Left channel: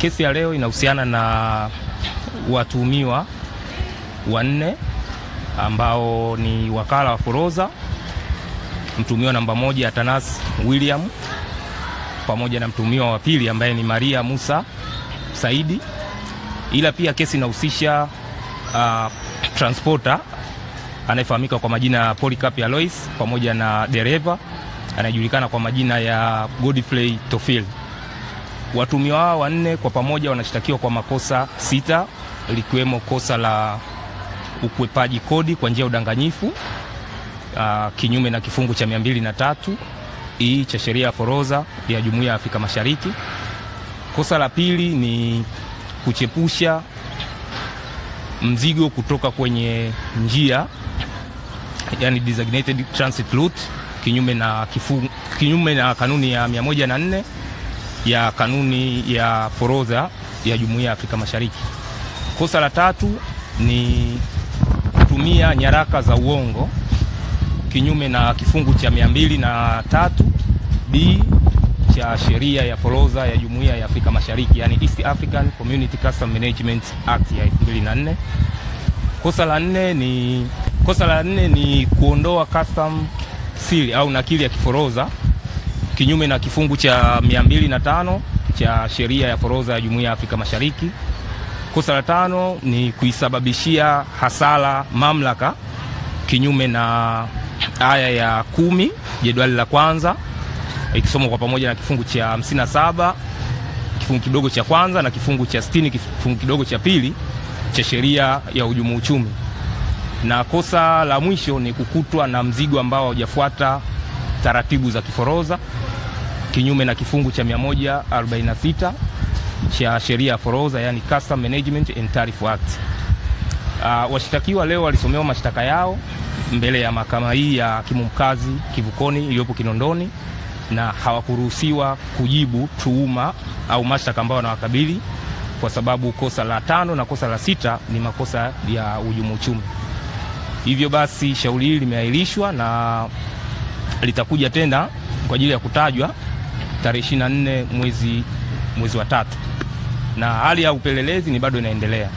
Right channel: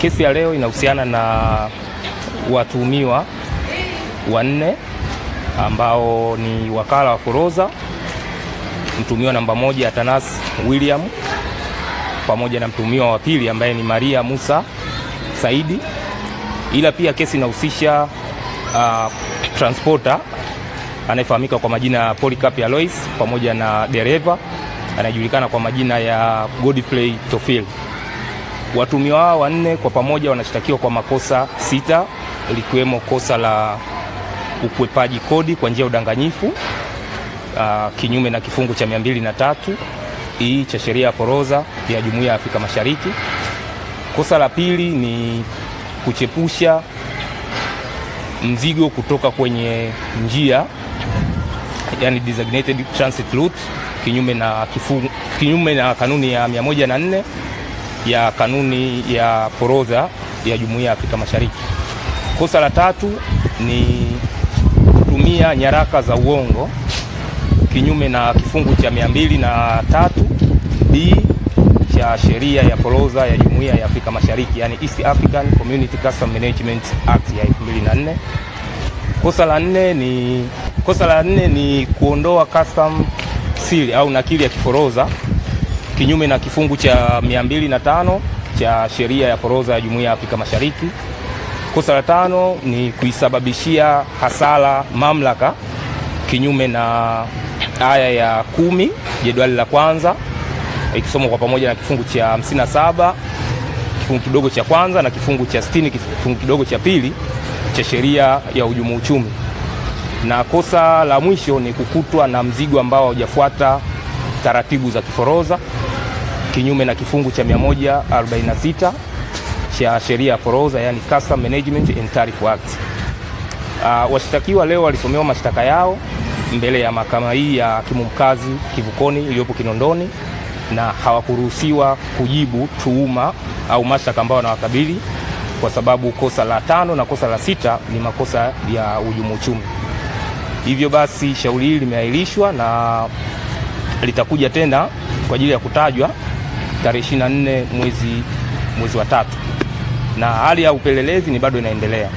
Kesi ya leo inahusiana na watuhumiwa wanne ambao ni wakala wa forodha, mtuhumiwa namba 1 Atanas William, pamoja na mtuhumiwa wa pili ambaye ni Maria Musa Saidi. Ila pia kesi inahusisha transporter anayefahamika kwa majina ya Polycarp Alois pamoja na dereva anayejulikana kwa majina ya Godfrey Tofil. Watuhumiwa hao wanne kwa pamoja wanashtakiwa kwa makosa 6, likiwemo kosa la ukwepaji kodi kwa njia ya udanganyifu kinyume na kifungu cha 203 cha sheria ya forodha ya Jumuiya ya Afrika Mashariki. Kosa la pili ni kuchepusha mzigo kutoka kwenye njia, yani designated transit route, kinyume na kanuni ya 104 ya kanuni ya forodha ya Jumuiya ya Afrika Mashariki. Kosa la tatu ni kutumia nyaraka za uongo kinyume na kifungu cha 203B cha sheria ya forodha ya Jumuiya ya Afrika Mashariki, yani East African Community Custom Management Act ya 2004. Kosa la nne ni kuondoa custom seal au nakili ya kiforodha kinyume na kifungu cha 205 cha sheria ya forodha ya Jumuiya ya Afrika Mashariki. Kosa la tano ni kuisababishia hasara mamlaka kinyume na aya ya 10 jedwali la kwanza, ikisomwa kwa pamoja na kifungu cha 57 kifungu kidogo cha kwanza na kifungu cha 60 kifungu kidogo cha pili cha sheria ya uhujumu uchumi. Na kosa la mwisho ni kukutwa na mzigo ambao haujafuata taratibu za kiforodha kinyume na kifungu cha 146 cha sheria ya forodha, yani Custom Management and Tariff Act. Washtakiwa leo walisomewa mashtaka yao mbele ya mahakama hii ya hakimu mkazi Kivukoni iliyopo Kinondoni, na hawakuruhusiwa kujibu tuhuma au mashtaka ambayo wanawakabili kwa sababu kosa la 5 na kosa la 6 ni makosa ya uhujumu uchumi. Hivyo basi shauri hili limeahirishwa na litakuja tena kwa ajili ya kutajwa tarehe 24 mwezi wa 3, na hali ya upelelezi ni bado inaendelea.